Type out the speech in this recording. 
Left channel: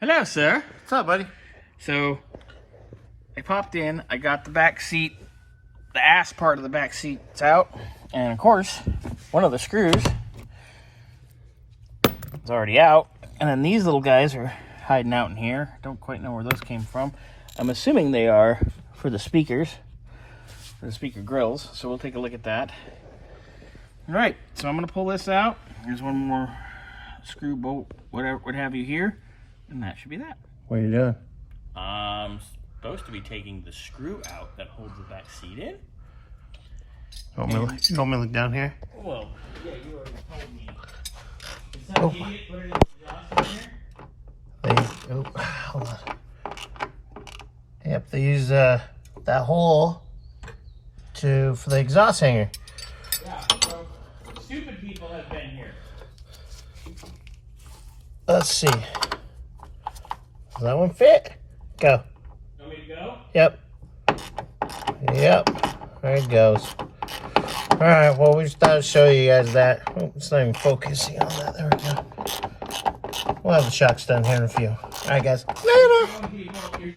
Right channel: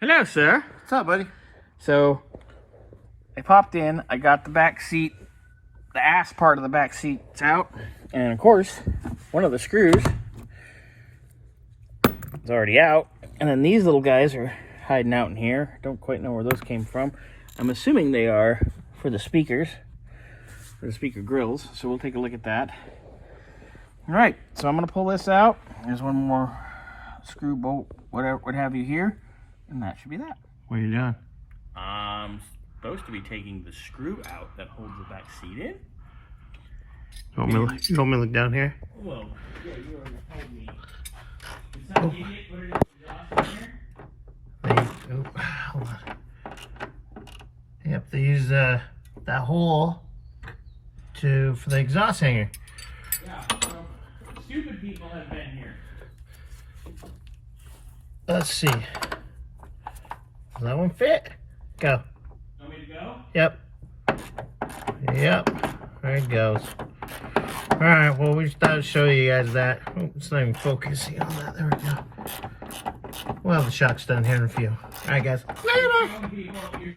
Hello, sir. What's up, buddy? So, I popped in, I got the back seat, the ass part of the back seat's out, and of course, one of the screws is already out, and then these little guys are hiding out in here. Don't quite know where those came from. I'm assuming they are for the speakers, for the speaker grills, so we'll take a look at that. All right, so I'm gonna pull this out. There's one more screw bolt, whatever, what have you here. And that should be that. What are you doing? I'm supposed to be taking the screw out that holds the back seat in. You want me to look down here? Well, yeah, you already told me. Did some idiot put it in the exhaust in here? Hold on. Yep, they use that hole for the exhaust hanger. Yeah, so stupid people have been here. Let's see. Does that one fit? Go. You want me to go? Yep. Yep. There it goes. Alright, well, we just thought I'd show you guys that. Oh, it's not even focusing on that. There we go. We'll have the shocks done here in a few. Alright, guys. Later.